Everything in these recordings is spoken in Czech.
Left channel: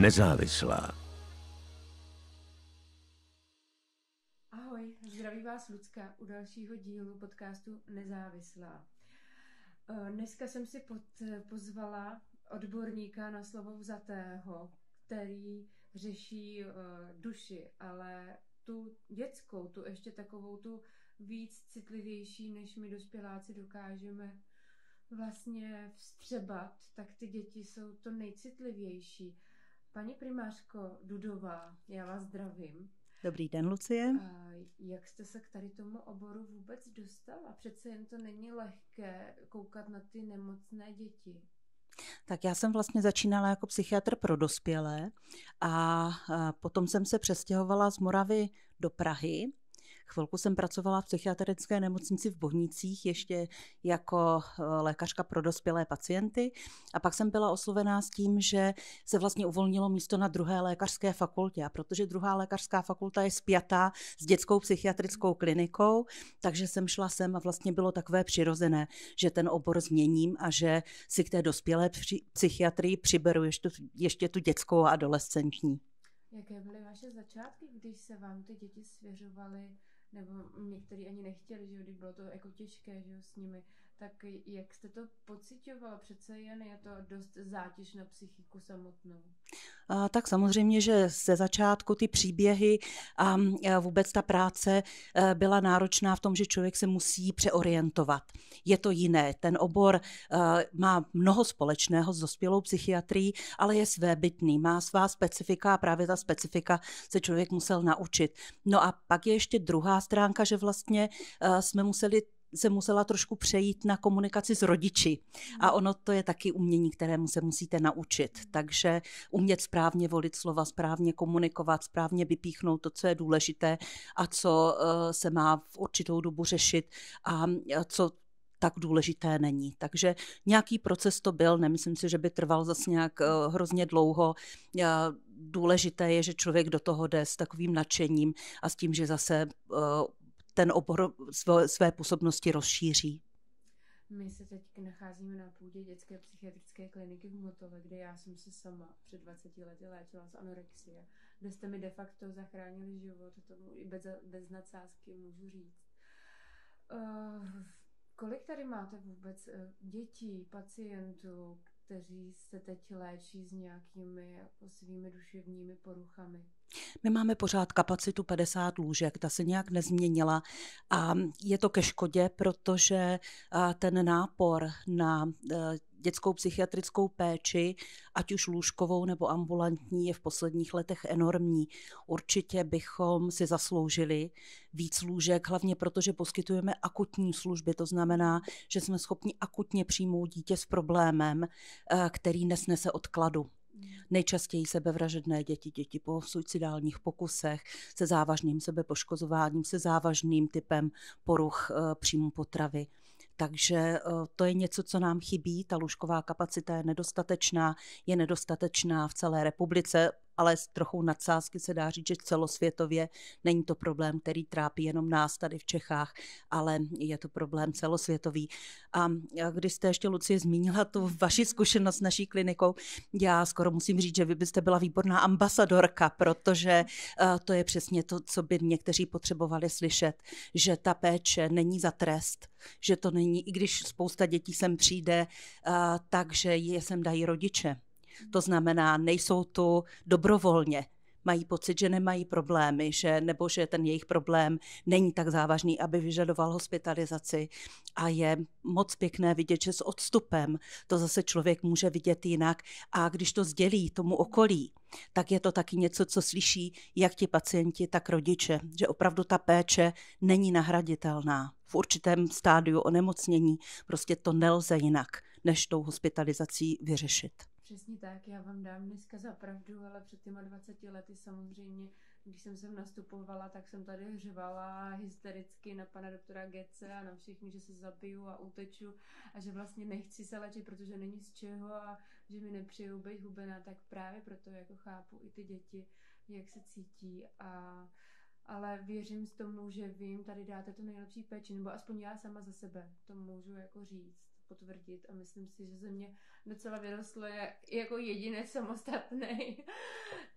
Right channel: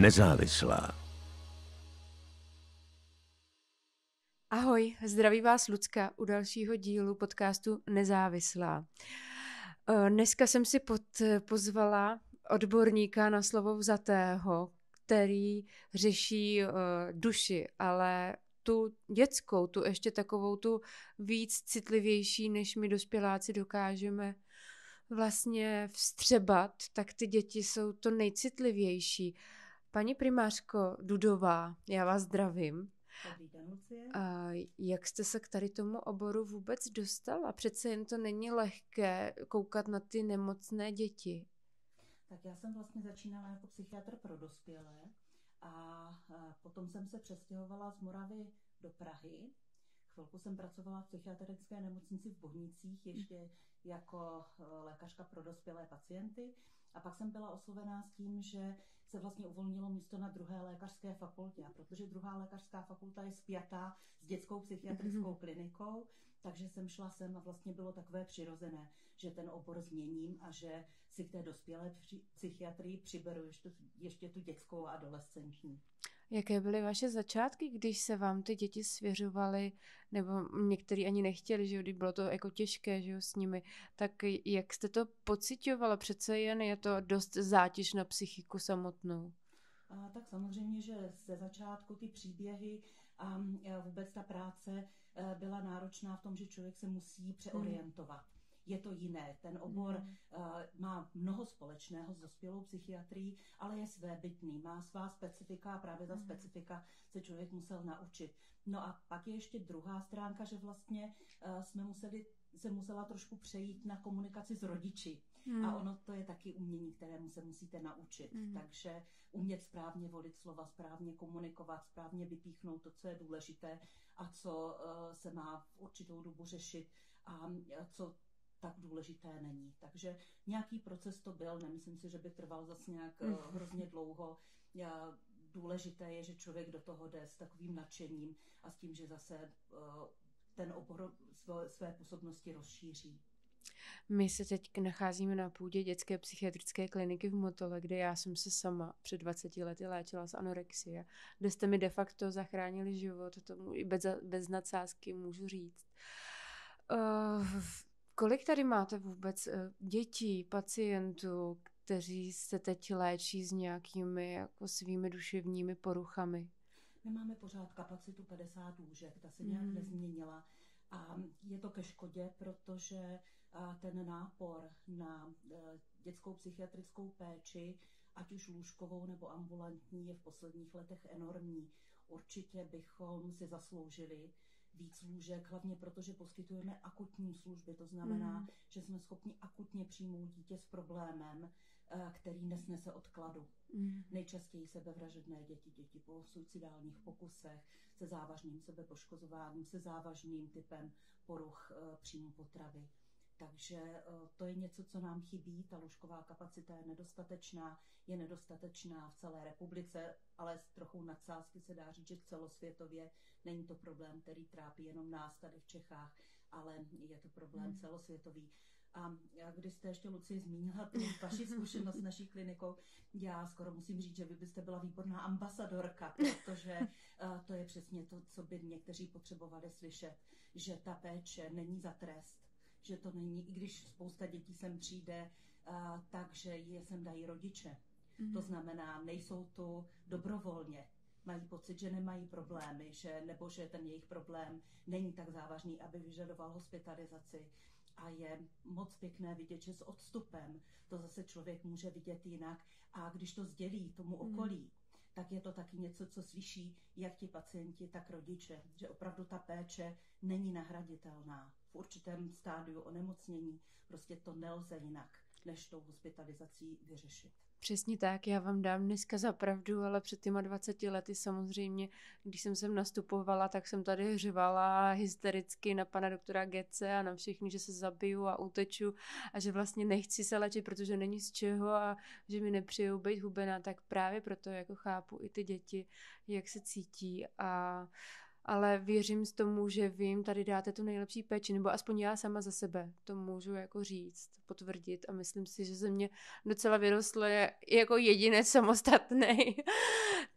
Nezávislá. Ahoj, zdraví vás Lucka u dalšího dílu podcastu Nezávislá. Dneska jsem si pozvala odborníka na slovo vzatého, který řeší duši, ale tu dětskou, tu ještě takovou tu víc citlivější, než my dospěláci dokážeme vlastně vstřebat, tak ty děti jsou to nejcitlivější. Paní primářko Dudová, já vás zdravím. Dobrý den, Lucie. Jak jste se k tady tomu oboru vůbec dostala? Přece jen to není lehké koukat na ty nemocné děti. Tak já jsem vlastně začínala jako psychiatr pro dospělé a potom jsem se přestěhovala z Moravy do Prahy. Chvilku jsem pracovala v psychiatrické nemocnici v Bohnicích ještě jako lékařka pro dospělé pacienty a pak jsem byla oslovená s tím, že se vlastně uvolnilo místo na druhé lékařské fakultě a protože druhá lékařská fakulta je spjatá s dětskou psychiatrickou klinikou, takže jsem šla sem a vlastně bylo takové přirozené, že ten obor změním a že si k té dospělé psychiatrii přiberu ještě tu dětskou a adolescentní. Jaké byly vaše začátky, když se vám ty děti svěřovaly, nebo někteří ani nechtěli, že když bylo to jako těžké, že jo, s nimi, tak jak jste to pociťovala? Přece jen je to dost zátěž na psychiku samotnou. Tak samozřejmě, že ze začátku ty příběhy a vůbec ta práce byla náročná v tom, že člověk se musí přeorientovat. Je to jiné. Ten obor má mnoho společného s dospělou psychiatrií, ale je svébytný, má svá specifika a právě ta specifika se člověk musel naučit. No a pak je ještě druhá stránka, že vlastně se musela trošku přejít na komunikaci s rodiči. A ono to je taky umění, kterému se musíte naučit. Takže umět správně volit slova, správně komunikovat, správně vypíchnout to, co je důležité a co se má v určitou dobu řešit a co tak důležité není. Takže nějaký proces to byl, nemyslím si, že by trval zase nějak hrozně dlouho. Důležité je, že člověk do toho jde s takovým nadšením a s tím, že zase ten obor své působnosti rozšíří. My se teď nacházíme na půdě dětské psychiatrické kliniky v Motole, kde já jsem se sama před 20 lety léčila z anorexie, kde jste mi de facto zachránili život, tomu i bez nadsázky můžu říct. Kolik tady máte vůbec dětí, pacientů, kteří se teď léčí s nějakými jako svými duševními poruchami? My máme pořád kapacitu 50 lůžek, ta se nějak nezměnila a je to ke škodě, protože ten nápor na dětskou psychiatrickou péči, ať už lůžkovou nebo ambulantní, je v posledních letech enormní. Určitě bychom si zasloužili víc lůžek, hlavně protože poskytujeme akutní služby, to znamená, že jsme schopni akutně přijmout dítě s problémem, který nesnese odkladu. Nejčastěji sebevražedné děti po suicidálních pokusech, se závažným sebepoškozováním, se závažným typem poruch příjmu potravy. Takže to je něco, co nám chybí. Ta lůžková kapacita je nedostatečná v celé republice, ale s trochou nadsázky se dá říct, že celosvětově není to problém, který trápí jenom nás tady v Čechách, ale je to problém celosvětový. A když jste ještě, Lucie, zmínila tu vaši zkušenost s naší klinikou, já skoro musím říct, že vy byste byla výborná ambasadorka, protože to je přesně to, co by někteří potřebovali slyšet, že ta péče není za trest, že to není, i když spousta dětí sem přijde, takže je sem dají rodiče. To znamená, nejsou tu dobrovolně. Mají pocit, že nemají problémy, nebo že ten jejich problém není tak závažný, aby vyžadoval hospitalizaci. A je moc pěkné vidět, že s odstupem to zase člověk může vidět jinak. A když to sdělí tomu okolí, tak je to taky něco, co slyší jak ti pacienti, tak rodiče, že opravdu ta péče není nahraditelná. V určitém stádiu onemocnění prostě to nelze jinak, než tou hospitalizací vyřešit. Přesně tak, já vám dám dneska za pravdu, ale před těma 20 lety samozřejmě, když jsem sem nastupovala, tak jsem tady hřivala hystericky na pana doktora Gece a na všechny, že se zabiju a uteču a že vlastně nechci se léčit, protože není z čeho a že mi nepřijou být hubená, tak právě proto jako chápu i ty děti, jak se cítí a ale věřím z tomu, že vy jim tady dáte tu nejlepší péči, nebo aspoň já sama za sebe to můžu jako říct, potvrdit a myslím si, že ze mě docela vyrostl jako jedinec samostatný.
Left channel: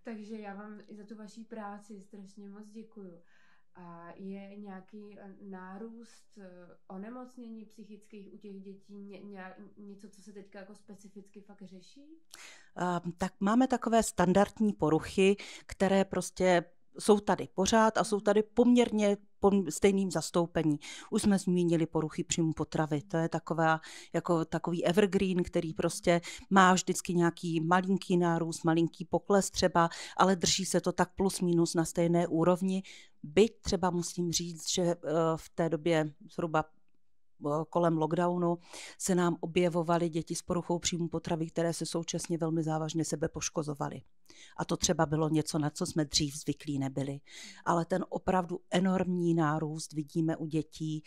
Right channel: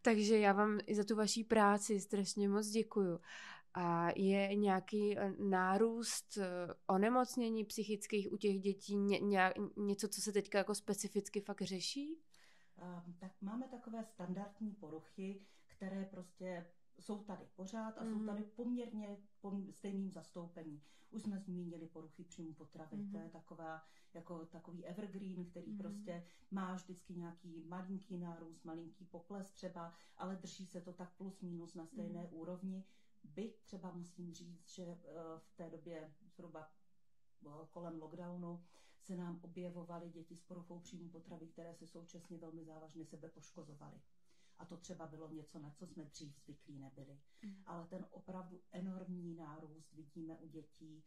Takže já vám i za tu vaší práci strašně moc děkuju. A je nějaký nárůst onemocnění psychických u těch dětí, něco, co se teďka jako specificky fakt řeší? Tak máme takové standardní poruchy, které prostě jsou tady pořád a jsou tady poměrně stejným zastoupení. Už jsme zmínili poruchy příjmu potravy. To je takový evergreen, který prostě má vždycky nějaký malinký nárůst, malinký pokles třeba, ale drží se to tak plus minus na stejné úrovni. Byť třeba musím říct, že v té době zhruba kolem lockdownu se nám objevovaly děti s poruchou příjmu potravy, které se současně velmi závažně sebe poškozovaly. A to třeba bylo něco, na co jsme dřív zvyklí nebyli. Ale ten opravdu enormní nárůst vidíme u dětí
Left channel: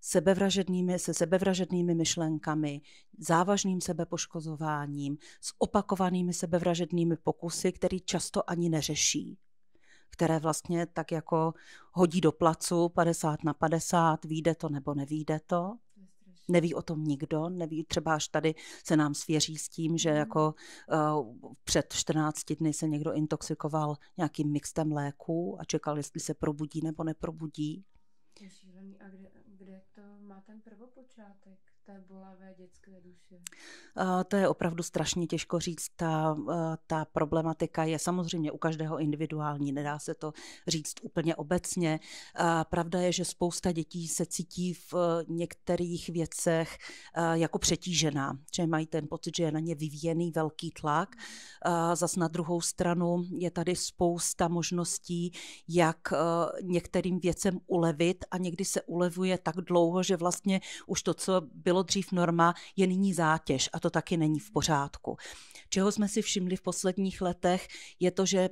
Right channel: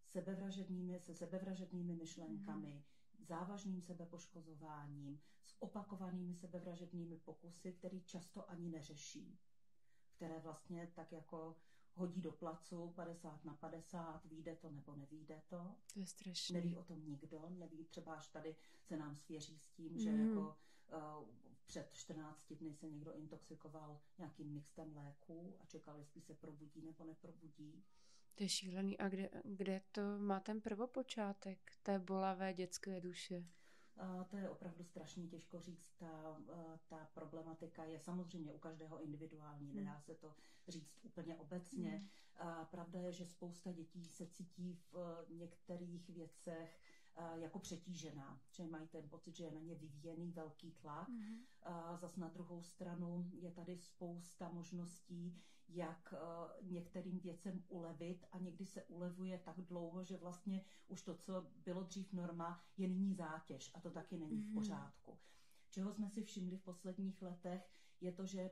se sebevražednými myšlenkami, závažným sebepoškozováním, s opakovanými sebevražednými pokusy, který často ani neřeší, které vlastně tak jako hodí do placu 50/50, vyjde to nebo nevyjde to. Neví o tom nikdo, neví, třeba až tady se nám svěří s tím, že jako před 14 dny se někdo intoxikoval nějakým mixtem léků a čekal, jestli se probudí nebo neprobudí. To je šílený. A kde to má ten prvopočátek té bolavé dětské duše? To je opravdu strašně těžko říct. Ta problematika je samozřejmě u každého individuální, nedá se to říct úplně obecně. Pravda je, že spousta dětí se cítí v některých věcech jako přetížená, že mají ten pocit, že je na ně vyvíjený velký tlak. Zas na druhou stranu je tady spousta možností, jak některým věcem ulevit a někdy se ulevuje tak dlouho, že vlastně už to, co bylo dřív norma, je nyní zátěž a to taky není v pořádku. Čeho jsme si všimli v posledních letech, je to, že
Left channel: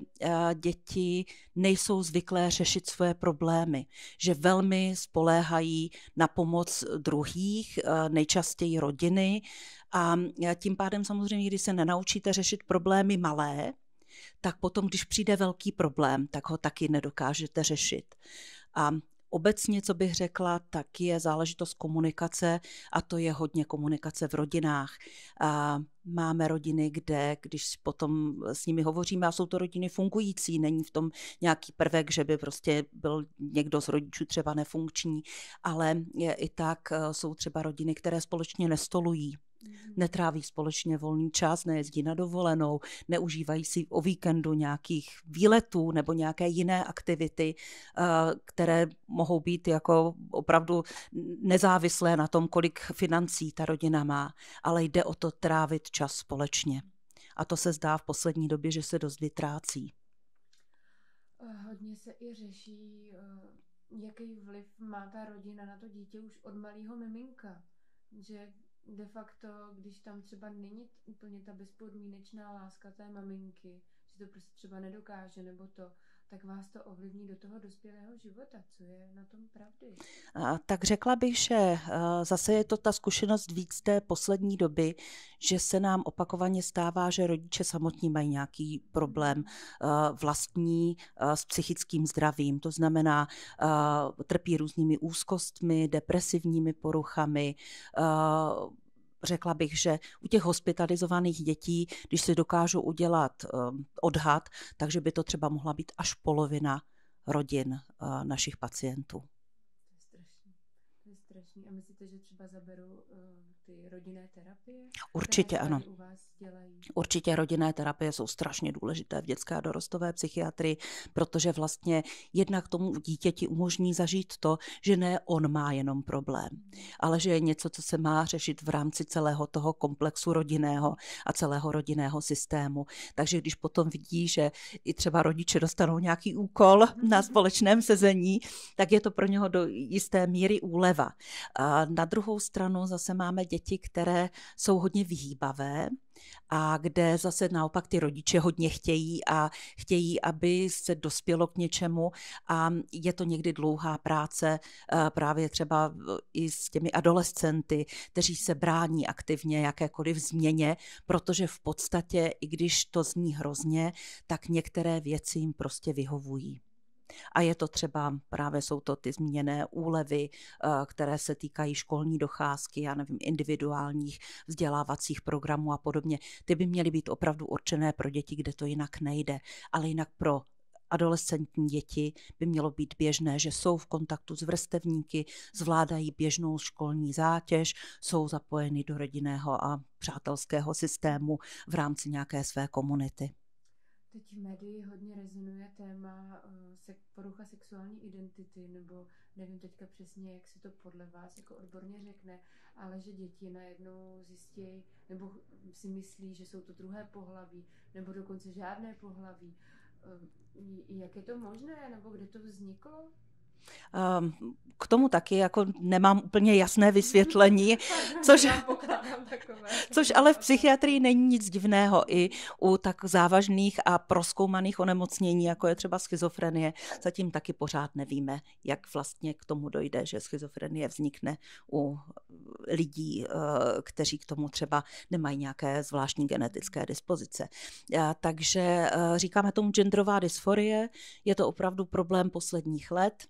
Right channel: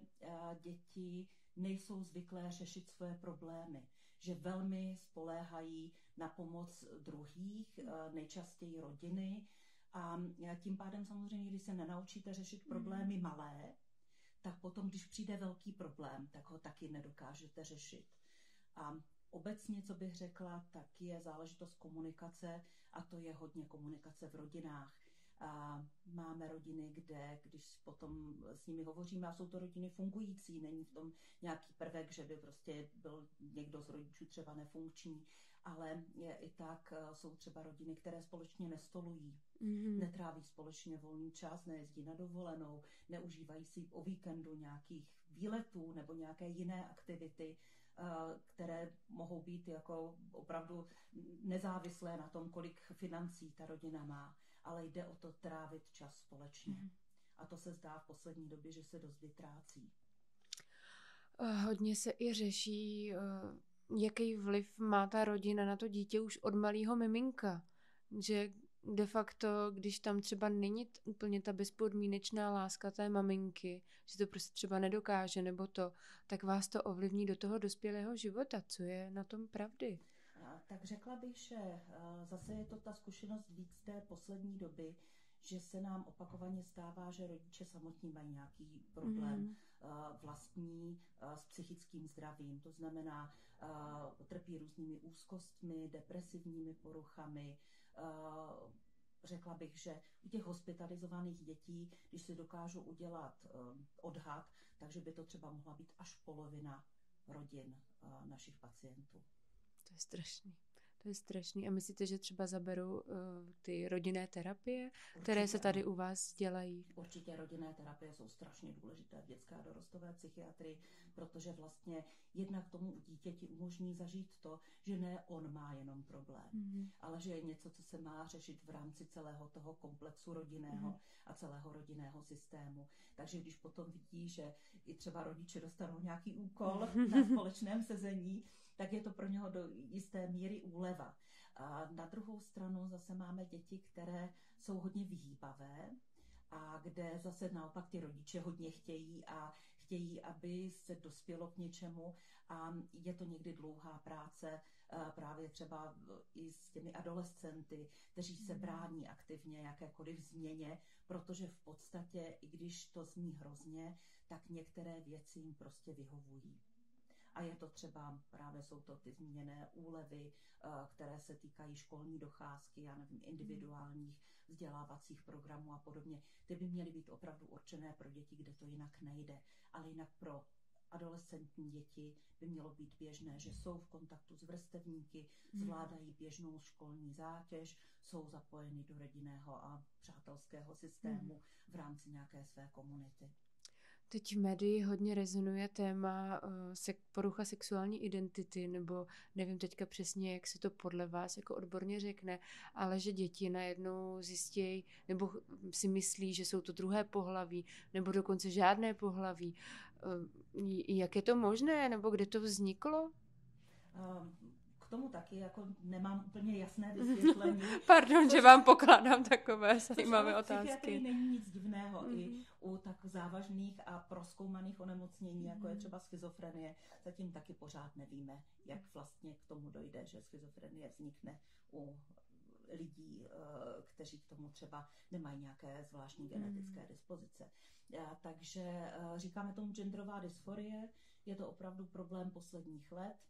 děti nejsou zvyklé řešit svoje problémy, že velmi spoléhají na pomoc druhých, nejčastěji rodiny, a tím pádem samozřejmě, když se nenaučíte řešit problémy malé, tak potom, když přijde velký problém, tak ho taky nedokážete řešit. A obecně, co bych řekla, tak je záležitost komunikace a to je hodně komunikace v rodinách. Máme rodiny, kde, když potom s nimi hovoříme, a jsou to rodiny fungující, není v tom nějaký prvek, že by prostě byl někdo z rodičů třeba nefunkční, ale i tak jsou třeba rodiny, které společně nestolují. Netráví společně volný čas, nejezdí na dovolenou, neužívají si o víkendu nějakých výletů nebo nějaké jiné aktivity, které mohou být jako opravdu nezávislé na tom, kolik financí ta rodina má, ale jde o to trávit čas společně. A to se zdá v poslední době, že se dost vytrácí. Hodně se i řeší, jaký vliv má ta rodina na to dítě už od malého miminka, že de facto, když tam třeba není úplně ta bezpodmínečná láska té maminky, že to prostě třeba nedokáže nebo to, tak vás to ovlivní do toho dospělého života. Co je na tom pravdy? Tak řekla bych, že zase je to ta zkušenost víc té poslední doby, že se nám opakovaně stává, že rodiče samotní mají nějaký problém vlastní s psychickým zdravím. To znamená, trpí různými úzkostmi, depresivními poruchami. Řekla bych, že u těch hospitalizovaných dětí, když si dokážu udělat odhad, takže by to třeba mohla být až polovina rodin našich pacientů. To je strašný. To je strašný. A myslíte, že třeba zaberou ty rodinné terapie, určitě, které se tady ano. U vás dělají? Určitě rodinné terapie jsou strašně důležité v dětské a dorostové psychiatrii, protože vlastně jednak tomu dítěti umožní zažít to, že ne on má jenom problém, ale že je něco, co se má řešit v rámci celého toho komplexu rodinného a celého rodinného systému. Takže když potom vidí, že i třeba rodiče dostanou nějaký úkol na společném sezení, tak je to pro něho do jisté míry úleva. A na druhou stranu zase máme děti, které jsou hodně vyhýbavé a kde zase naopak ty rodiče hodně chtějí, aby se dospělo k něčemu a je to někdy dlouhá práce právě třeba i s těmi adolescenty, kteří se brání aktivně jakékoliv změně, protože v podstatě, i když to zní hrozně, tak některé věci jim prostě vyhovují. A je to třeba, právě jsou to ty zmíněné úlevy, které se týkají školní docházky, já nevím, individuálních vzdělávacích programů a podobně. Ty by měly být opravdu určené pro děti, kde to jinak nejde, ale jinak pro adolescentní děti by mělo být běžné, že jsou v kontaktu s vrstevníky, zvládají běžnou školní zátěž, jsou zapojeny do rodinného a přátelského systému v rámci nějaké své komunity. Teď v médii hodně rezonuje téma porucha sexuální identity, nebo nevím teďka přesně, jak se to podle vás jako odborně řekne, ale že děti najednou zjistějí, nebo si myslí, že jsou to druhé pohlaví, nebo dokonce žádné pohlaví. Jak je to možné, nebo kde to vzniklo? K tomu taky jako nemám úplně jasné vysvětlení. Pardon, že vám pokládám takové. Což ale v psychiatrii není nic divného. I u tak závažných a prozkoumaných onemocnění, jako je třeba schizofrenie, zatím taky pořád nevíme, jak vlastně k tomu dojde, že schizofrenie vznikne u lidí, kteří k tomu třeba nemají nějaké zvláštní genetické dispozice. Takže říkáme tomu genderová dysforie, je to opravdu problém posledních let,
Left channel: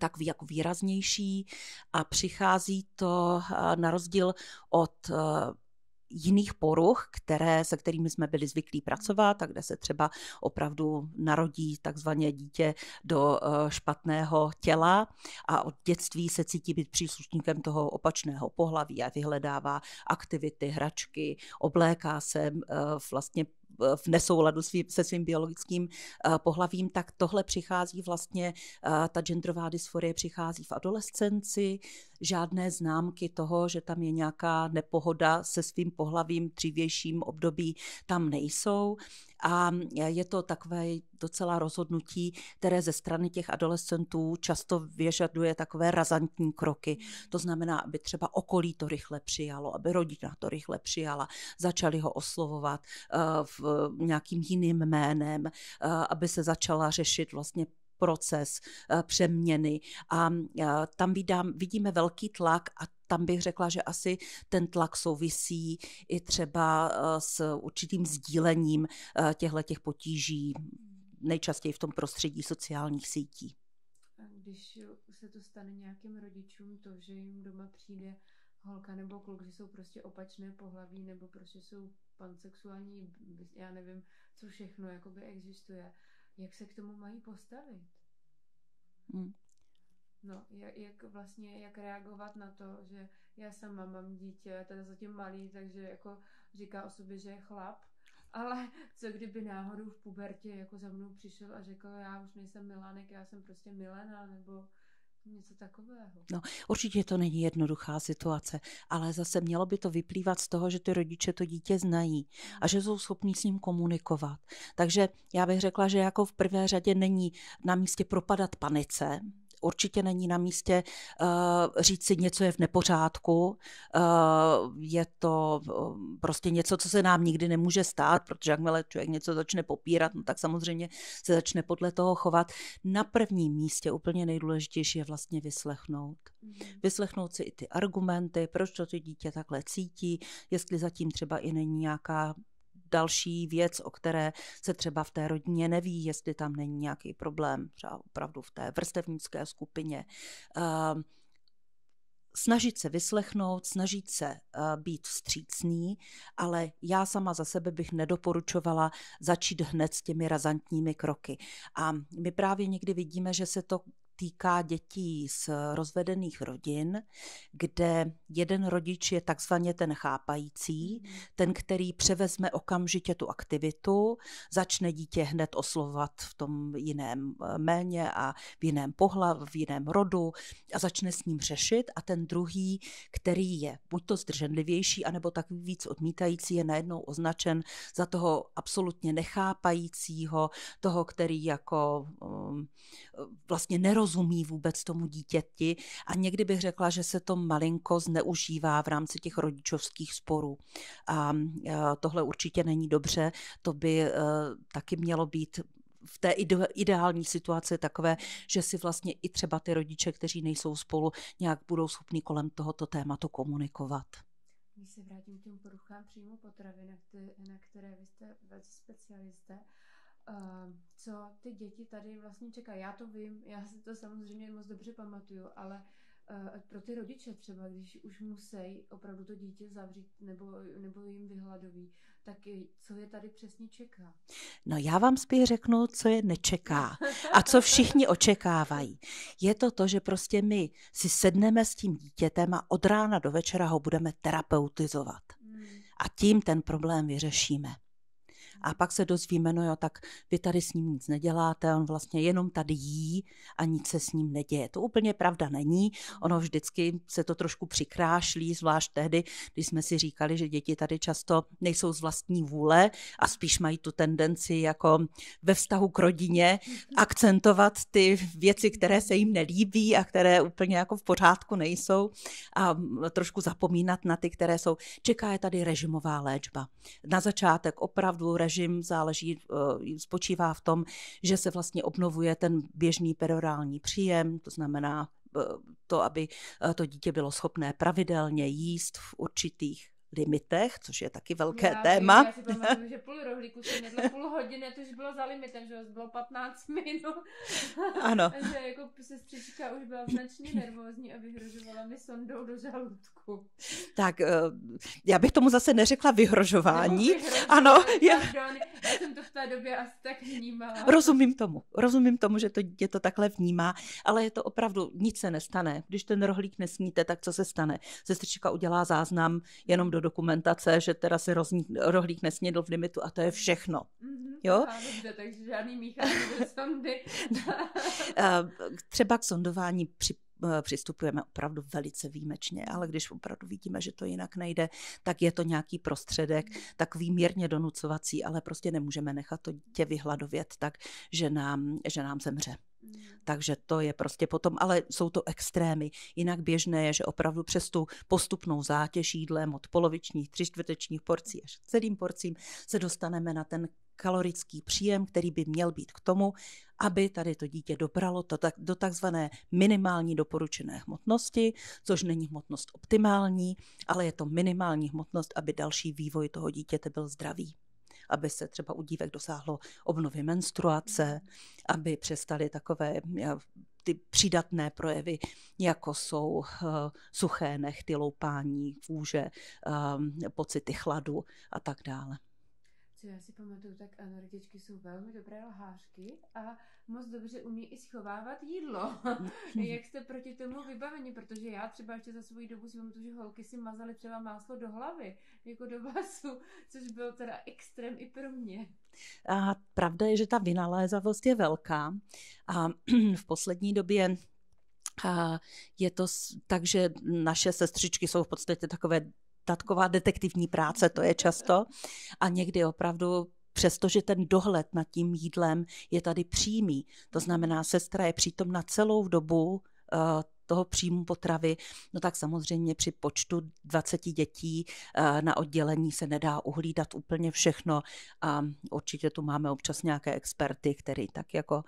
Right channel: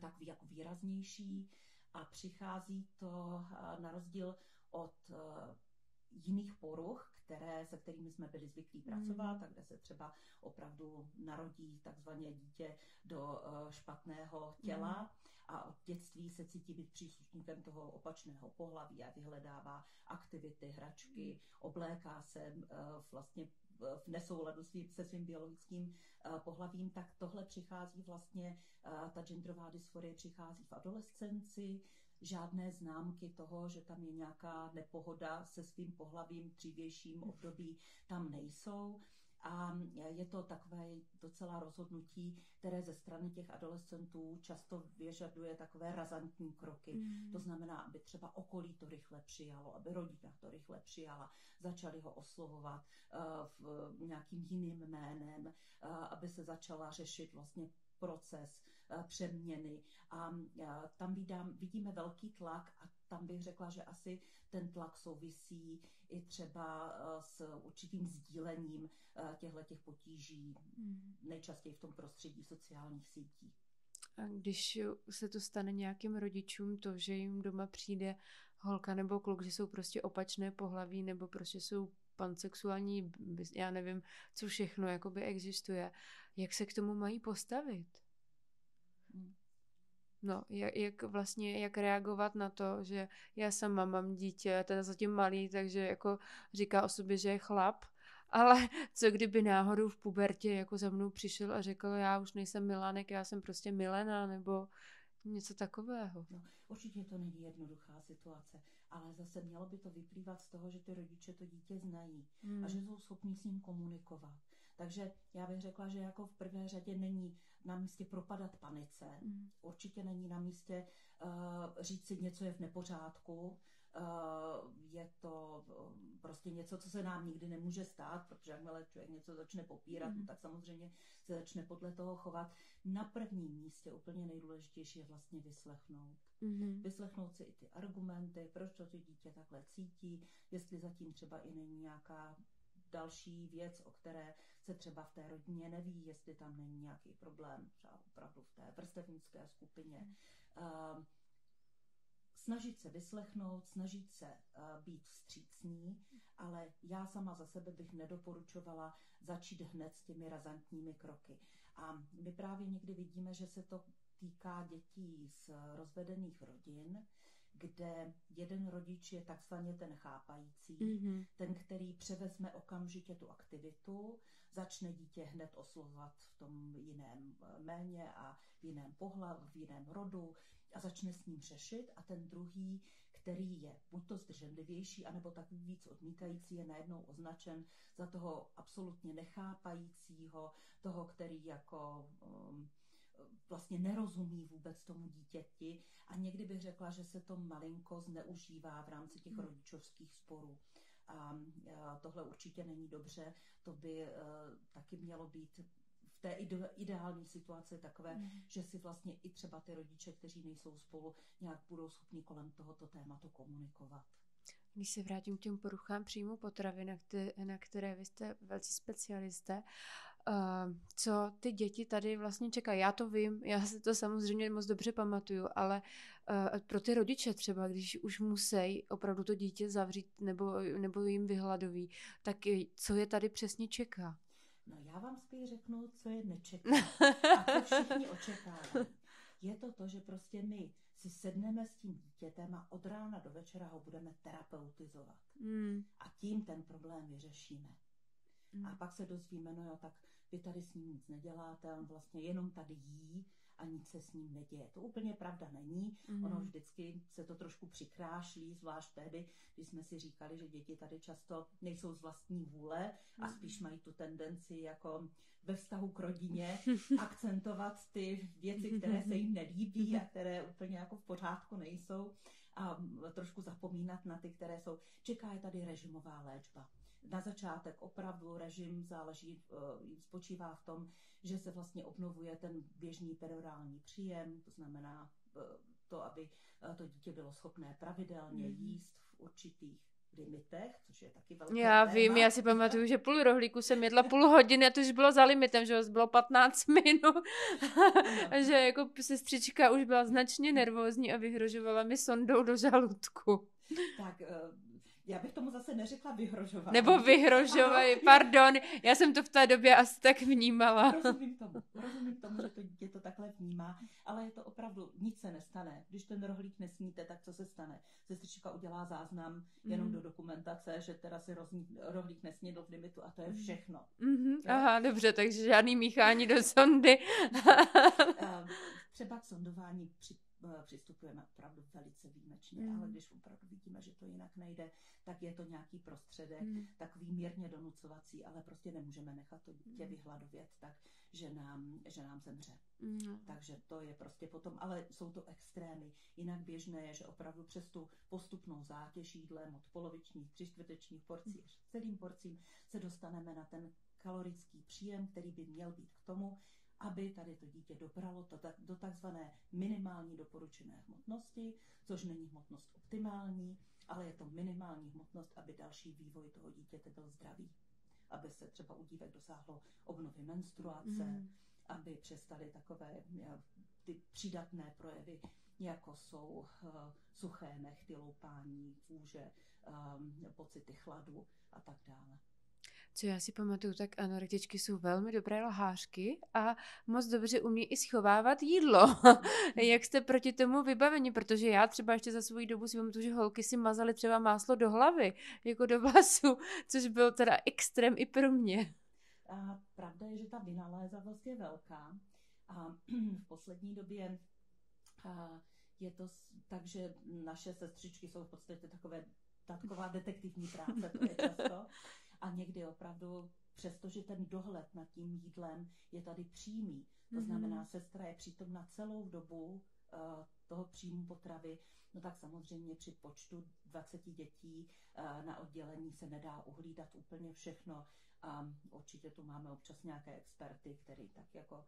takový jako výraznější a přichází to na rozdíl od jiných poruch, se kterými jsme byli zvyklí pracovat a kde se třeba opravdu narodí takzvané dítě do špatného těla a od dětství se cítí být příslušníkem toho opačného pohlaví a vyhledává aktivity, hračky, obléká se vlastně v nesouladu se svým biologickým pohlavím, tak tohle přichází vlastně, ta genderová dysforie přichází v adolescenci, žádné známky toho, že tam je nějaká nepohoda se svým pohlavím v dřívějším období, tam nejsou. A je to takové docela rozhodnutí, které ze strany těch adolescentů často vyžaduje takové razantní kroky. To znamená, aby třeba okolí to rychle přijalo, aby rodina to rychle přijala, začali ho oslovovat nějakým jiným jménem, aby se začala řešit vlastně proces přeměny a tam vidíme velký tlak a tam bych řekla, že asi ten tlak souvisí i třeba s určitým sdílením těchto potíží, nejčastěji v tom prostředí sociálních sítí. A když se to stane nějakým rodičům, to, že jim doma přijde holka nebo kluk, že jsou prostě opačné pohlaví nebo prostě jsou pansexuální, já nevím, co všechno jakoby existuje, jak se k tomu mají postavit? No, jak reagovat na to, že já sama mám dítě, teda zatím malý, takže jako říká o sobě, že je chlap, ale co kdyby náhodou v pubertě jako za mnou přišel a řekl, já už nejsem Milánek, já jsem prostě Milena, nebo něco takového. No, určitě to není jednoduchá situace, ale zase mělo by to vyplývat z toho, že ty rodiče to dítě znají a že jsou schopní s ním komunikovat. Takže já bych řekla, že jako v prvé řadě není na místě propadat panice, určitě není na místě říct si, něco je v nepořádku, je to prostě něco, co se nám nikdy nemůže stát, protože jakmile člověk něco začne popírat, no tak samozřejmě se začne podle toho chovat. Na prvním místě úplně nejdůležitější je vlastně vyslechnout. Vyslechnout si i ty argumenty, proč to dítě takhle cítí, jestli zatím třeba i není nějaká další věc, o které se třeba v té rodině neví, jestli tam není nějaký problém, třeba opravdu v té vrstevnické skupině. Snažit se vyslechnout, snažit se být vstřícný, ale já sama za sebe bych nedoporučovala začít hned s těmi razantními kroky. A my právě někdy vidíme, že se to týká dětí z rozvedených rodin, kde jeden rodič je takzvaně ten chápající, ten, který převezme okamžitě tu aktivitu, začne dítě hned oslovovat v tom jiném jméně a v jiném pohlaví, v jiném rodu a začne s ním řešit a ten druhý, který je buď to zdrženlivější, anebo takový víc odmítající, je najednou označen za toho absolutně nechápajícího, toho, který jako vlastně nerozumí vůbec tomu dítěti a někdy bych řekla, že se to malinko zneužívá v rámci těch rodičovských sporů. A tohle určitě není dobře, to by taky mělo být v té ideální situaci takové, že si vlastně i třeba ty rodiče, kteří nejsou spolu, nějak budou schopni kolem tohoto tématu komunikovat. Když se vrátím k těm poruchám příjmu potravy, na které vy jste velcí specialisté, co ty děti tady vlastně čekají. Já to vím, já si to samozřejmě moc dobře pamatuju, ale pro ty rodiče třeba, když už musí opravdu to dítě zavřít nebo jim vyhladoví, tak co je tady přesně čeká? No já vám spíš řeknu, co je nečeká a co všichni očekávají. Je to, že prostě my si sedneme s tím dítětem a od rána do večera ho budeme terapeutizovat. A tím ten problém vyřešíme. A pak se dozvíme, no jo, tak vy tady s ním nic neděláte, on vlastně jenom tady jí a nic se s ním neděje. To úplně pravda není, ono vždycky se to trošku přikrášlí, zvlášť tehdy, když jsme si říkali, že děti tady často nejsou z vlastní vůle a spíš mají tu tendenci jako ve vztahu k rodině akcentovat ty věci, které se jim nelíbí a které úplně jako v pořádku nejsou a trošku zapomínat na ty, které jsou. Čeká je tady režimová léčba. Na začátek opravdu režim spočívá v tom, že se vlastně obnovuje ten běžný perorální příjem, to znamená to, aby to dítě bylo schopné pravidelně jíst v určitých limitech, což je taky velké téma. Vím, já si pamatuju, že půl rohlíku jsem jedla půl hodiny a to už bylo za limitem, že bylo 15 minut. Ano. Že jako sestřička už byla značně nervózní a vyhrožovala mi sondou do žaludku. Tak já bych tomu zase neřekla vyhrožování. Nebo vyhrožování, pardon, já jsem to v té době asi tak vnímala. Rozumím tomu, že to dítě to takhle vnímá, ale je to opravdu, nic se nestane. Když ten rohlík nesníte, tak co se stane? Sestřička udělá záznam jenom do dokumentace, že teda se rohlík nesnědl v limitu a to je všechno. Jo? Aha, dobře, takže žádný míchání do sondy. Třeba k sondování přistupujeme opravdu velice výjimečně, ale když opravdu vidíme, že to jinak nejde, tak je to nějaký prostředek, takový mírně donucovací, ale prostě nemůžeme nechat to dítě vyhladovět tak, že nám zemře. Takže to je prostě potom, ale jsou to extrémy. Jinak běžné je, že opravdu přes tu postupnou zátěž jídlem od polovičních, 3/4 porcí až celým porcím se dostaneme na ten kalorický příjem, který by měl být k tomu, aby tady to dítě dobralo do takzvané minimální doporučené hmotnosti, což není hmotnost optimální, ale je to minimální hmotnost, aby další vývoj toho dítěte byl zdravý. Aby se třeba u dívek dosáhlo obnovy menstruace, aby přestaly takové ty přídatné projevy, jako jsou suché nehty, loupání kůže, pocity chladu a tak dále. Co já si pamatuju, tak anorektičky jsou velmi dobré lhářky a moc dobře umí i schovávat jídlo. Jak jste proti tomu vybaveni? Protože já třeba ještě za svou dobu si pamatuju, že holky si mazaly třeba máslo do hlavy, jako do vlasu, což byl teda extrém i pro mě. A pravda je, že ta vynalézavost je velká a v poslední době je to tak, že naše sestřičky jsou v podstatě taková detektivní práce, to je často. A někdy opravdu, přestože ten dohled nad tím jídlem je tady přímý, to znamená, sestra je přítomna celou dobu toho příjmu potravy, no tak samozřejmě při počtu 20 dětí na oddělení se nedá uhlídat úplně všechno a určitě tu máme občas nějaké experty, který tak jako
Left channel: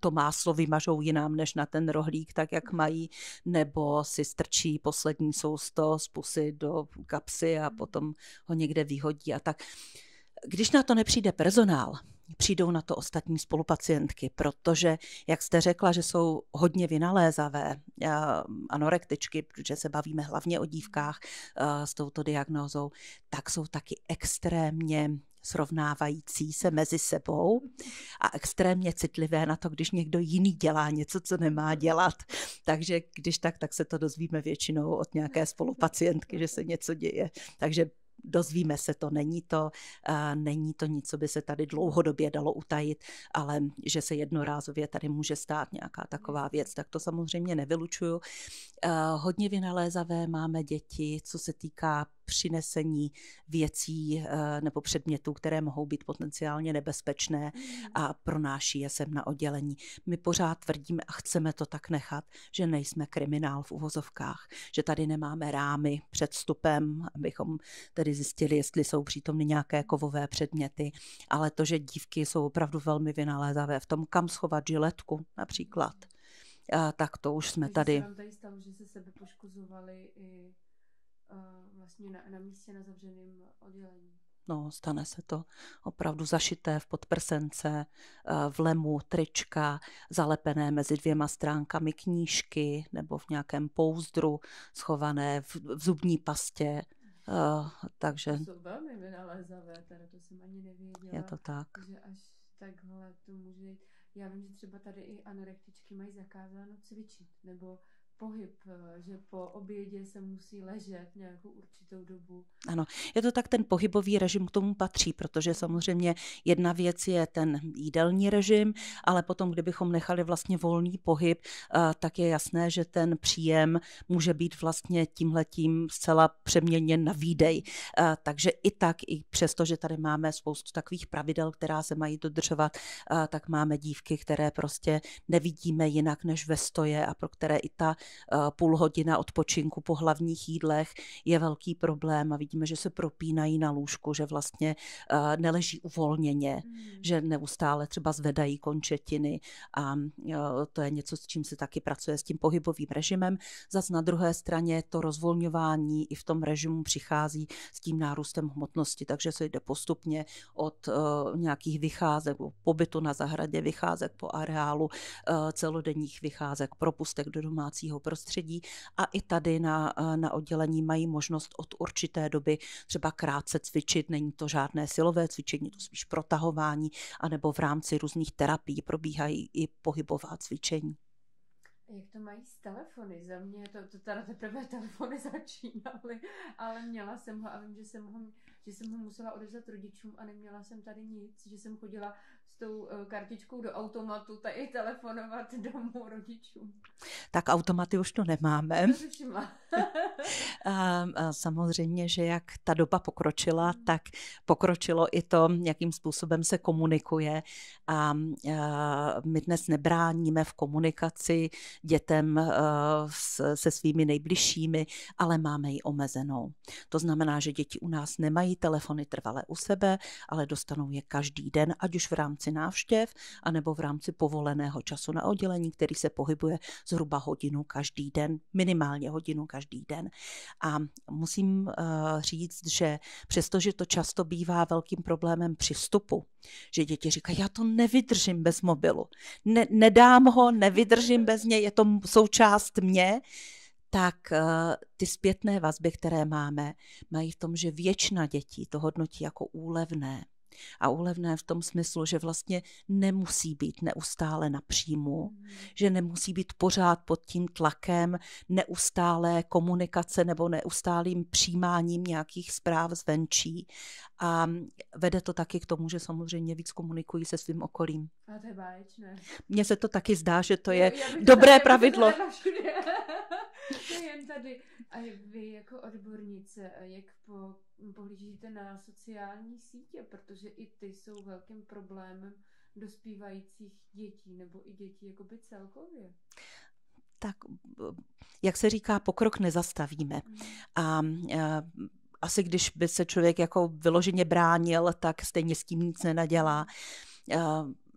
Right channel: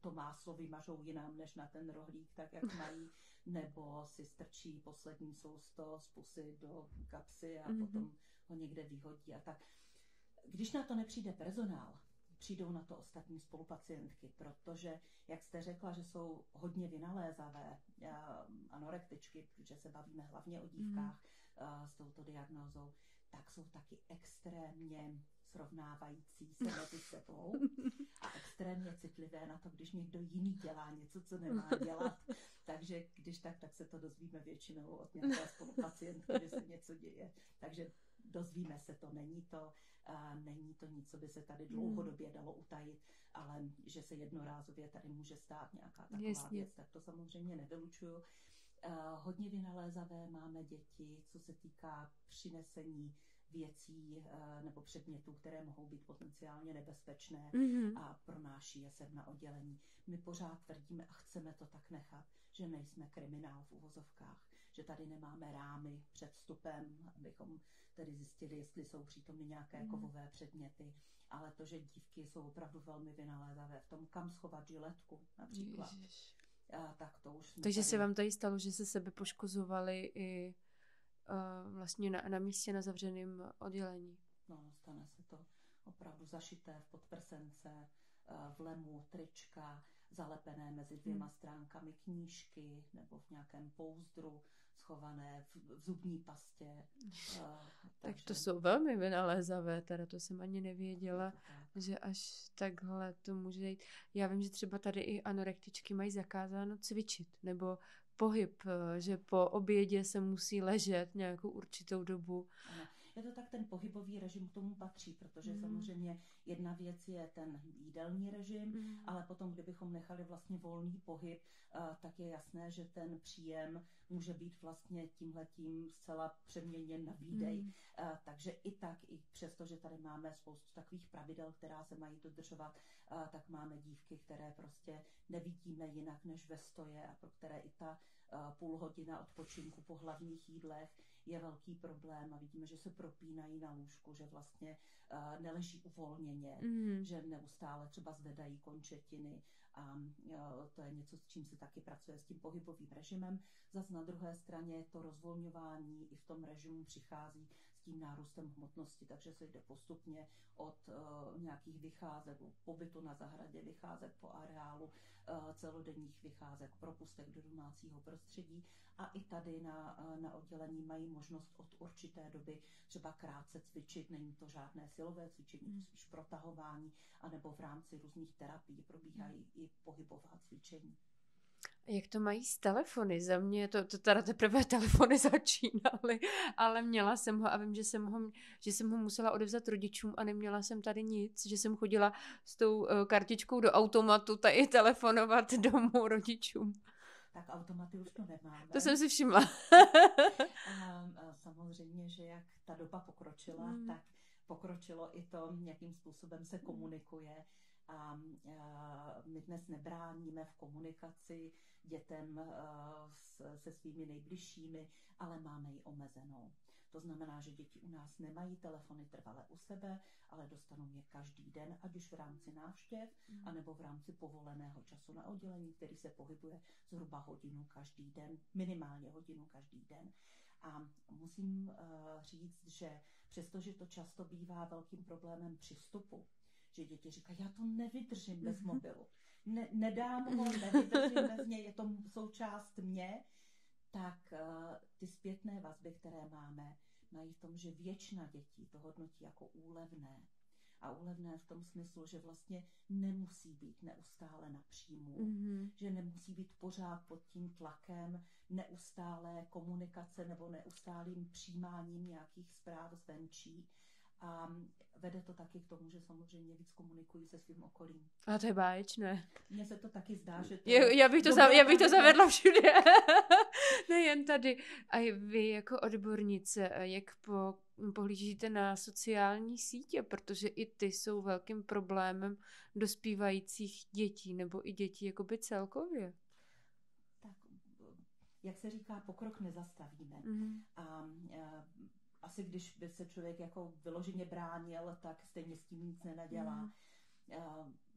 to máslo vymažou jinam než na ten rohlík, tak jak mají, nebo si strčí poslední sousto z pusy do kapsy a potom ho někde vyhodí a tak. Když na to nepřijde personál, přijdou na to ostatní spolupacientky, protože, jak jste řekla, že jsou hodně vynalézavé anorektičky, protože se bavíme hlavně o dívkách s touto diagnózou, tak jsou taky extrémně srovnávající se mezi sebou a extrémně citlivé na to, když někdo jiný dělá něco, co nemá dělat. Takže když tak se to dozvíme většinou od nějaké spolupacientky, že se něco děje. Takže dozvíme se to, není to nic, co by se tady dlouhodobě dalo utajit, ale že se jednorázově tady může stát nějaká taková věc, tak to samozřejmě nevylučuju. Hodně vynalézavé máme děti, co se týká přinesení věcí nebo předmětů, které mohou být potenciálně nebezpečné a pronáší je sem na oddělení. My pořád tvrdíme a chceme to tak nechat, že nejsme kriminál v uvozovkách, že tady nemáme rámy před vstupem, abychom tedy zjistili, jestli jsou přítomny nějaké kovové předměty, ale to, že dívky jsou opravdu velmi vynalézavé v tom, kam schovat žiletku například. Tak to už jsme takže tady. Takže se vám tady stalo, že se sebe poškozovali i vlastně na místě na zavřeném oddělení? No, stane se to opravdu zašité v podprsence, v lemu trička, zalepené mezi 2 stránkami knížky nebo v nějakém pouzdru, schované v zubní pastě. Takže to jsou velmi vynalézavé, teda to jsem ani nevěděla. Je to tak. Že až takhle to může jít. Já vím, že třeba tady i anorektičky mají zakázáno cvičit, nebo pohyb, že po obědě se musí ležet nějakou určitou dobu. Ano, je to tak, ten pohybový režim k tomu patří, protože samozřejmě jedna věc je ten jídelní režim, ale potom, kdybychom nechali vlastně volný pohyb, tak je jasné, že ten příjem může být vlastně tímhletím zcela přeměněn na výdej. Takže i tak, i přesto, že tady máme spoustu takových pravidel, která se mají dodržovat, tak máme dívky, které prostě nevidíme jinak než ve stoje a pro které i ta půl hodina odpočinku po hlavních jídlech je velký problém a vidíme, že se propínají na lůžku, že vlastně neleží uvolněně, že neustále třeba zvedají končetiny a to je něco, s čím se taky pracuje s tím pohybovým režimem. Zas na druhé straně to rozvolňování i v tom režimu přichází s tím nárůstem hmotnosti, takže se jde postupně od nějakých vycházek, pobytu na zahradě, vycházek po areálu, celodenních vycházek, propustek do domácího prostředí a i tady na oddělení mají možnost od určité doby třeba krátce cvičit, není to žádné silové cvičení, to spíš protahování, anebo v rámci různých terapií probíhají i pohybová cvičení. Jak to mají s telefony? Za mě to teda teprve telefony začínaly, ale měla jsem ho a vím, že jsem ho musela odevzat rodičům a neměla jsem tady nic, že jsem chodila s tou kartičkou do automatu tady telefonovat domů rodičům. Tak automaty už to nemáme. To jsem si všimla. A samozřejmě, že jak ta doba pokročila, tak pokročilo i to, jakým způsobem se komunikuje a my dnes nebráníme v komunikaci dětem se svými nejbližšími, ale máme ji omezenou. To znamená, že děti u nás nemají telefony trvale u sebe, ale dostanou je každý den, ať už v rámci návštěv, anebo v rámci povoleného času na oddělení, který se pohybuje zhruba hodinu každý den, minimálně hodinu každý den. A musím říct, že přestože to často bývá velkým problémem při vstupu, že děti říkají, já to nevydržím bez mobilu, nedám ho, nevydržím bez něj, je to součást mě, tak ty zpětné vazby, které máme, mají v tom, že většina dětí to hodnotí jako úlevné. A úlevné v tom smyslu, že vlastně nemusí být neustále na příjmu, že nemusí být pořád pod tím tlakem neustálé komunikace nebo neustálým přijímáním nějakých zpráv zvenčí. A vede to taky k tomu, že samozřejmě víc komunikují se svým okolím. A to je báječné. Mně se to taky zdá, že to je dobré pravidlo. Já bych to zavedla všude. Nejen tady. A vy jako odbornice, jak pohlížíte na sociální sítě, protože i ty jsou velkým problémem dospívajících dětí, nebo i dětí jakoby celkově. Tak, jak se říká, pokrok nezastavíme. A asi když by se člověk jako vyloženě bránil, tak stejně s tím nic nenadělá.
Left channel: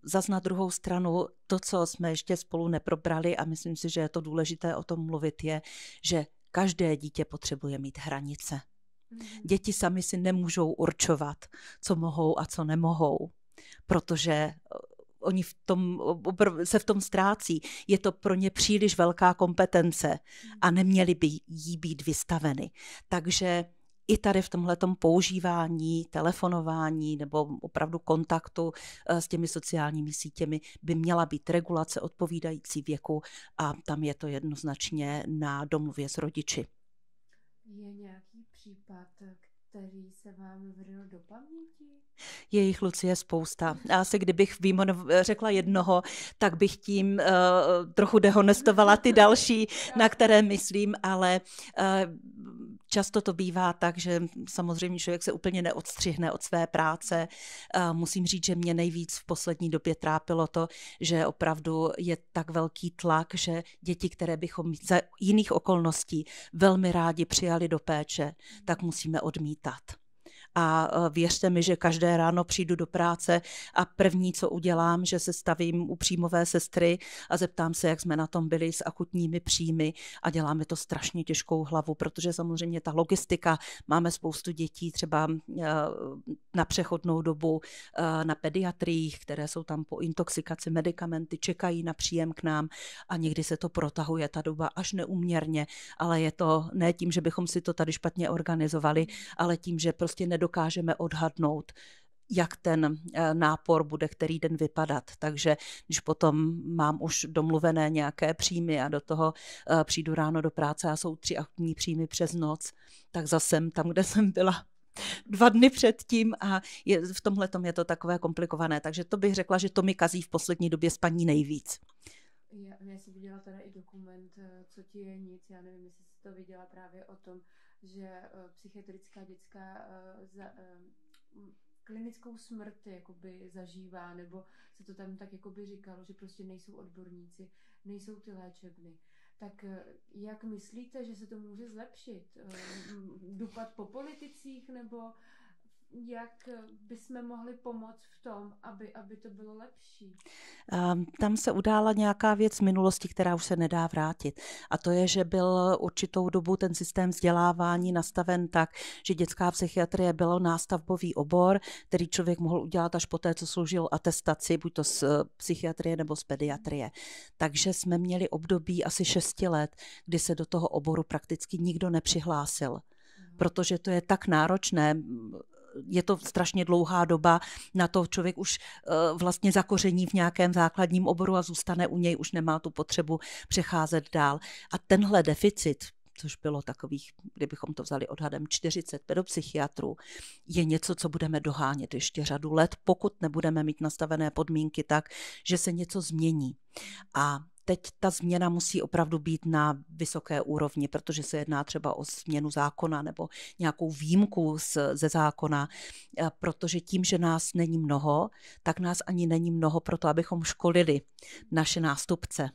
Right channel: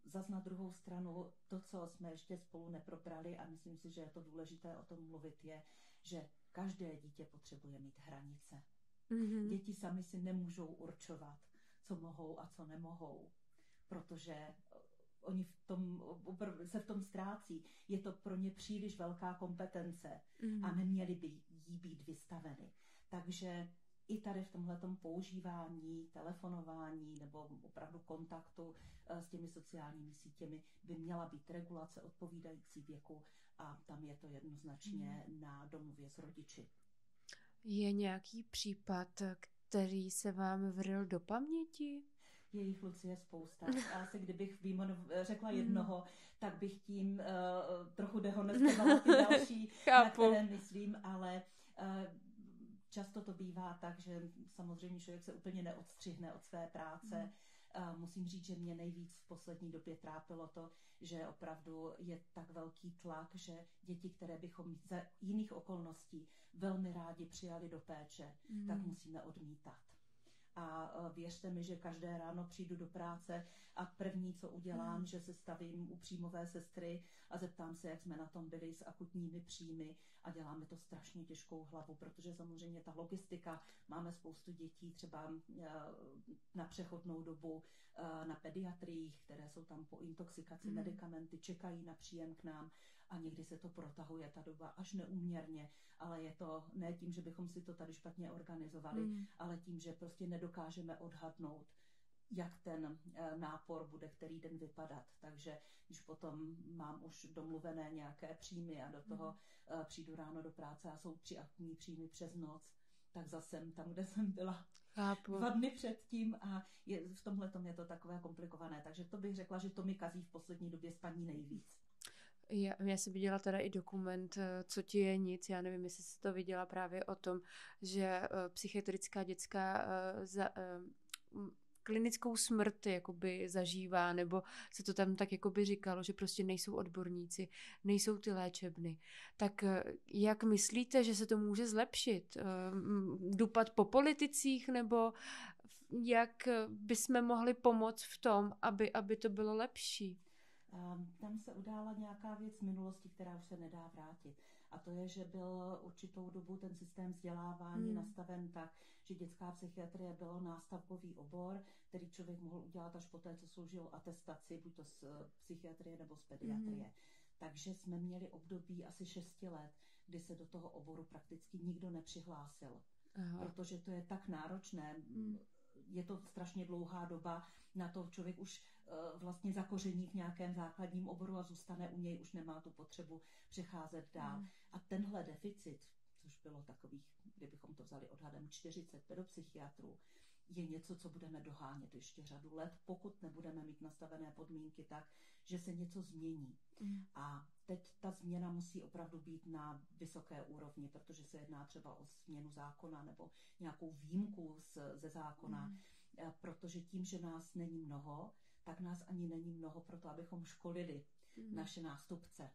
Zas na druhou stranu, to, co jsme ještě spolu neprobrali a myslím si, že je to důležité o tom mluvit, je, že každé dítě potřebuje mít hranice. Děti sami si nemůžou určovat, co mohou a co nemohou, protože oni se v tom ztrácí. Je to pro ně příliš velká kompetence a neměly by jí být vystaveny. Takže i tady v tomhletom používání, telefonování nebo opravdu kontaktu s těmi sociálními sítěmi by měla být regulace odpovídající věku a tam je to jednoznačně na domluvě s rodiči. Je nějaký případ, který se vám vril do paměti? Je jich, Lucie, spousta. Asi kdybych řekla jednoho, tak bych tím trochu dehonestovala ty další, na které myslím, ale často to bývá tak, že samozřejmě člověk se úplně neodstřihne od své práce. Musím říct, že mě nejvíc v poslední době trápilo to, že opravdu je tak velký tlak, že děti, které bychom za jiných okolností velmi rádi přijali do péče, tak musíme odmítat. A věřte mi, že každé ráno přijdu do práce a první, co udělám, že se stavím u příjmové sestry a zeptám se, jak jsme na tom byli s akutními příjmy a děláme to strašně těžkou hlavu, protože samozřejmě ta logistika, máme spoustu dětí třeba na přechodnou dobu na pediatriích, které jsou tam po intoxikaci medikamenty, čekají na příjem k nám a někdy se to protahuje ta doba až neúměrně, ale je to ne tím, že bychom si to tady špatně organizovali, ale tím, že prostě nedokážeme odhadnout, jak ten nápor bude který den vypadat. Takže když potom mám už domluvené nějaké příjmy a do toho přijdu ráno do práce a jsou 3 akutní příjmy přes noc, tak zase tam, kde jsem byla 2 dny předtím a v tomhletom je to takové komplikované. Takže to bych řekla, že to mi kazí v poslední době spaní nejvíc. Já jsem viděla teda i dokument Co ti je nic, já nevím, jestli jsi to viděla právě o tom, že psychiatrická dětská klinickou smrt jakoby zažívá, nebo se to tam tak jakoby říkalo, že prostě nejsou odborníci, nejsou ty léčebny. Tak jak myslíte, že se to může zlepšit? Dupat po politicích, nebo jak bychom mohli pomoct v tom, aby to bylo lepší? Tam se udála nějaká věc z minulosti, která už se nedá vrátit. A to je, že byl určitou dobu ten systém vzdělávání nastaven tak, že dětská psychiatrie byl nástavbový obor, který člověk mohl udělat až poté, co složil atestaci, buď to z psychiatrie nebo z pediatrie. Takže jsme měli období asi 6 let, kdy se do toho oboru prakticky nikdo nepřihlásil. Protože to je tak náročné, je to strašně dlouhá doba, na to člověk už vlastně zakoření v nějakém základním oboru a zůstane u něj, už nemá tu potřebu přecházet dál. A tenhle deficit, což bylo takových, kdybychom to vzali odhadem 40 pedopsychiatrů, je něco, co budeme dohánět ještě řadu let, pokud nebudeme mít nastavené podmínky tak, že se něco změní. A teď ta změna musí opravdu být na vysoké úrovni, protože se jedná třeba o změnu zákona nebo nějakou výjimku ze zákona, protože tím, že nás není mnoho, tak nás ani není mnoho pro to, abychom školili naše nástupce.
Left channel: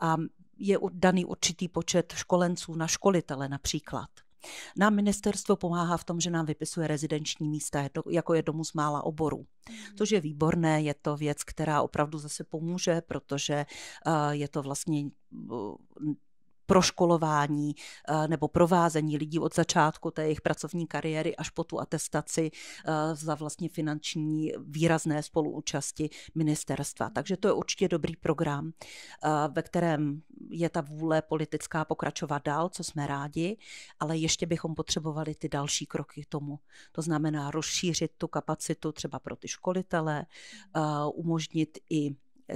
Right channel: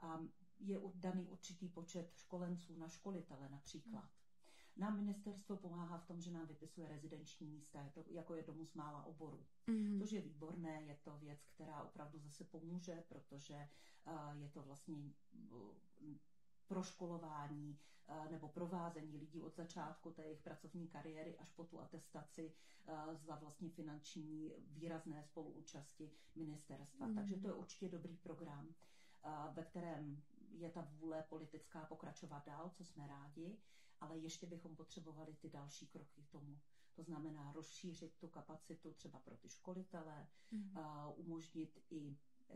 A je daný určitý počet školenců na školitele například. Nám ministerstvo pomáhá v tom, že nám vypisuje rezidenční místa, jako je Domus mála oborů. Což je výborné, je to věc, která opravdu zase pomůže, protože je to vlastně proškolování nebo provázení lidí od začátku té jejich pracovní kariéry až po tu atestaci za vlastně finanční výrazné spoluúčasti ministerstva. Takže to je určitě dobrý program, ve kterém je ta vůle politická pokračovat dál, co jsme rádi, ale ještě bychom potřebovali ty další kroky k tomu. To znamená rozšířit tu kapacitu třeba pro ty školitele, umožnit i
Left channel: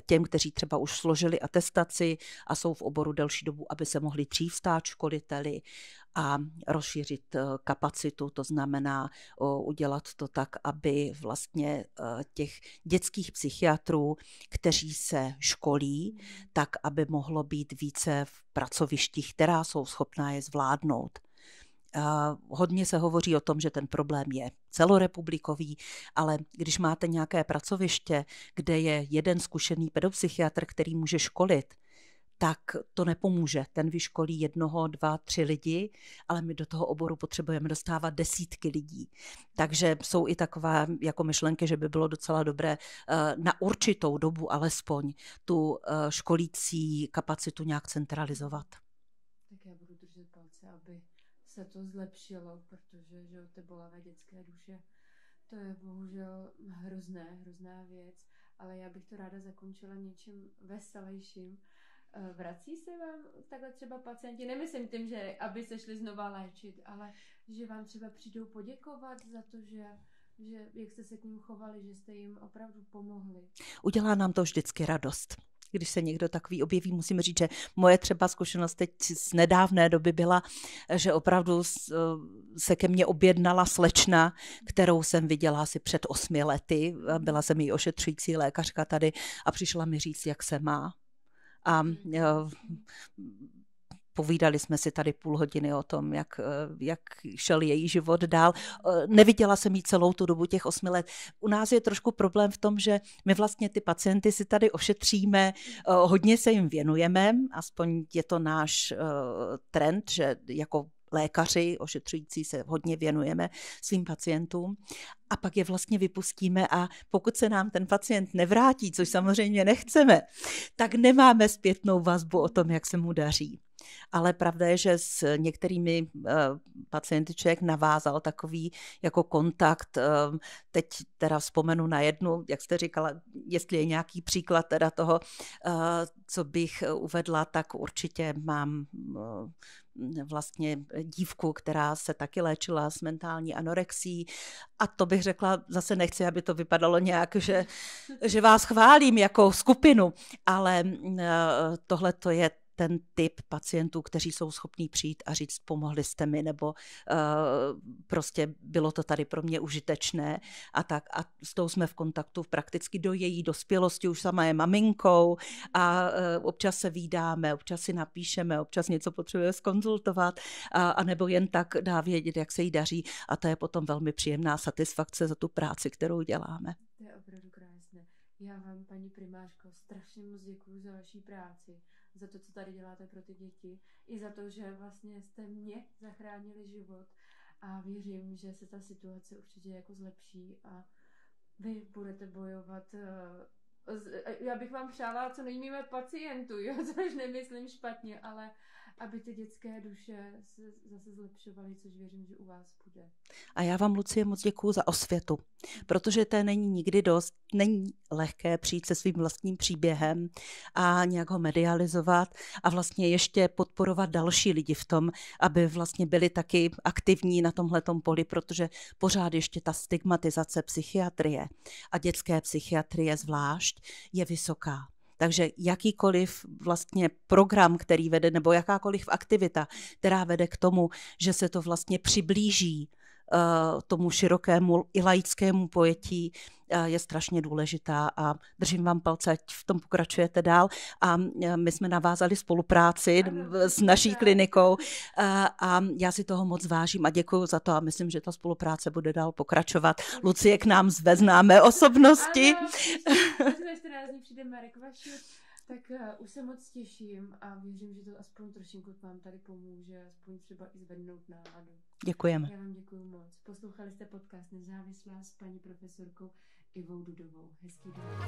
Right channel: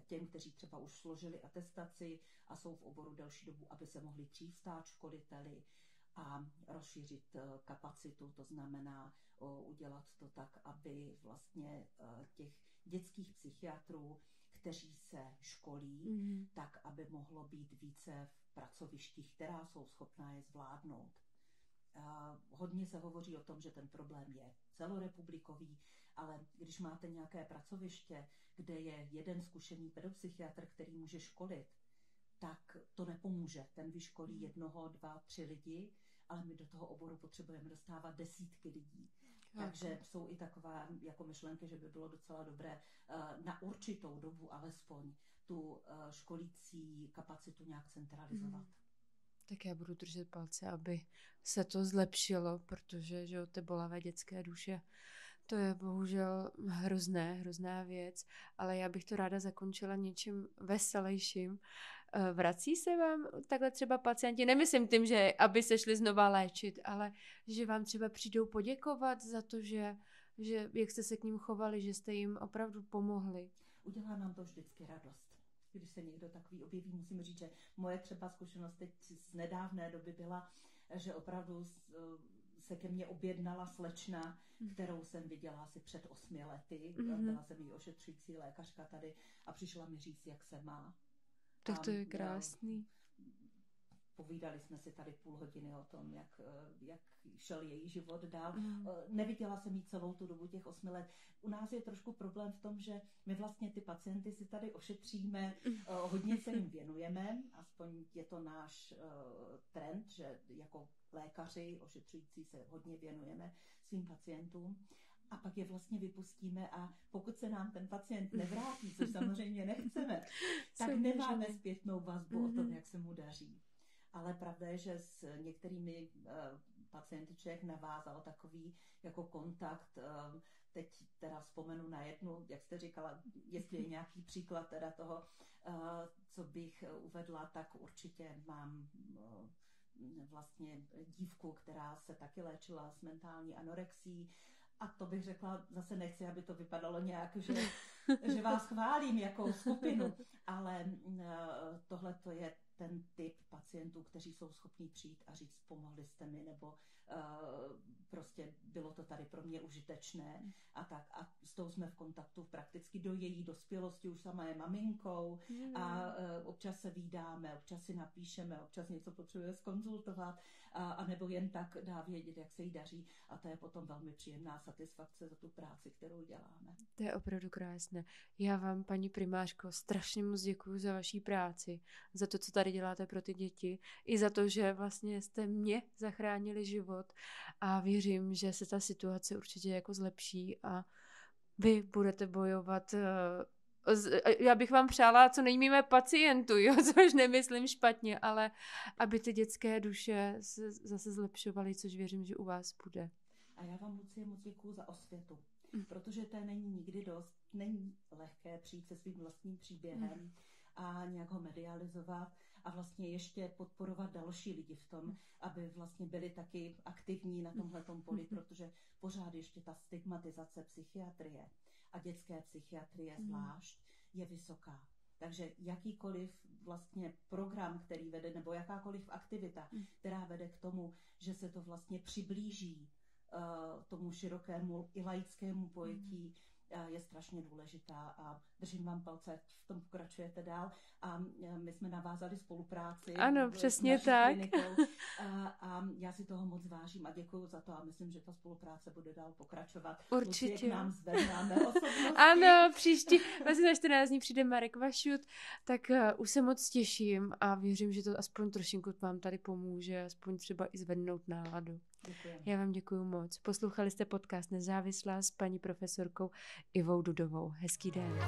těm, kteří třeba už složili atestaci a jsou v oboru delší dobu, aby se mohli dřív stát školiteli a rozšířit kapacitu, to znamená udělat to tak, aby vlastně těch dětských psychiatrů, kteří se školí, tak aby mohlo být více v pracovištích, která jsou schopná je zvládnout. Hodně se hovoří o tom, že ten problém je celorepublikový, ale když máte nějaké pracoviště, kde je jeden zkušený pedopsychiatr, který může školit, tak to nepomůže. Ten vyškolí 1, 2, 3 lidi, ale my do toho oboru potřebujeme dostávat desítky lidí. Takže jsou i takové jako myšlenky, že by bylo docela dobré na určitou dobu alespoň tu školící kapacitu nějak centralizovat. Tak já budu držet palce, aby se to zlepšilo, protože že ty bolavé dětské duše, to je bohužel hrozná věc, ale já bych to ráda zakončila něčím veselějším. Vrací se vám takhle třeba pacienti, nemyslím tím, že aby se šli znova léčit, ale že vám třeba přijdou poděkovat za to, že jak jste se k ním chovali, že jste jim opravdu pomohli. Udělá nám to vždycky radost. Když se někdo takový objeví, musím říct, že moje třeba zkušenost teď z nedávné doby byla, že opravdu se ke mně objednala slečna, kterou jsem viděla asi před 8 lety. Byla jsem její ošetřující lékařka tady a přišla mi říct, jak se má. A povídali jsme si tady půl hodiny o tom, jak šel její život dál. Neviděla jsem jí celou tu dobu těch 8 let. U nás je trošku problém v tom, že my vlastně ty pacienty si tady ošetříme, hodně se jim věnujeme, aspoň je to náš trend, že jako lékaři, ošetřující se hodně věnujeme svým pacientům. A pak je vlastně vypustíme a pokud se nám ten pacient nevrátí, což samozřejmě nechceme, tak nemáme zpětnou vazbu o tom, jak se mu daří. Ale pravda je, že s některými pacienty člověk navázal takový jako kontakt. Teď teda vzpomenu na jednu, jak jste říkala, jestli je nějaký příklad teda toho, co bych uvedla, tak určitě mám vlastně dívku, která se taky léčila s mentální anorexií. A to bych řekla, zase nechci, aby to vypadalo nějak, že vás chválím jako skupinu, ale tohle to je ten typ pacientů, kteří jsou schopní přijít a říct, pomohli jste mi, nebo prostě bylo to tady pro mě užitečné a tak. A s tou jsme v kontaktu prakticky do její dospělosti, už sama je maminkou a občas se vídáme, občas si napíšeme, občas něco potřebuje zkonzultovat a nebo jen tak dá vědět, jak se jí daří a to je potom velmi příjemná satisfakce za tu práci, kterou děláme. To je opravdu krásné. Já vám, paní primářko, strašně moc děkuju za vaší práci, za to, co tady děláte pro ty děti, i za to, že vlastně jste mě zachránili život a věřím, že se ta situace určitě jako zlepší a vy budete bojovat. Já bych vám přála co nejméně pacientů, jo, což nemyslím špatně, ale aby ty dětské duše se zase zlepšovaly, což věřím, že u vás bude. A já vám, Lucie, moc děkuju za osvětu, protože to není nikdy dost, není lehké přijít se svým vlastním příběhem a nějak ho medializovat a vlastně ještě podporovat další lidi v tom, aby vlastně byli taky aktivní na tomhletom poli, protože pořád ještě ta stigmatizace psychiatrie a dětské psychiatrie zvlášť je vysoká. Takže jakýkoliv vlastně program, který vede, nebo jakákoliv aktivita, která vede k tomu, že se to vlastně přiblíží tomu širokému i laickému pojetí, je strašně důležitá a držím vám palce, ať v tom pokračujete dál. A my jsme navázali spolupráci s naší klinikou a já si toho moc vážím a děkuju za to a myslím, že ta spolupráce bude dál pokračovat. Určitě. Lucie k nám zve známé osobnosti. Ano, příště, za 14 dní přijde Marek Vašut, tak už se moc těším a věřím, že to aspoň trošinku vám tady pomůže, aspoň třeba i zvednout náladu. Děkujeme. Já vám děkuju moc. Poslouchali jste podcast Nezávislá s paní profesorkou Ivou Dudovou. Hezký den.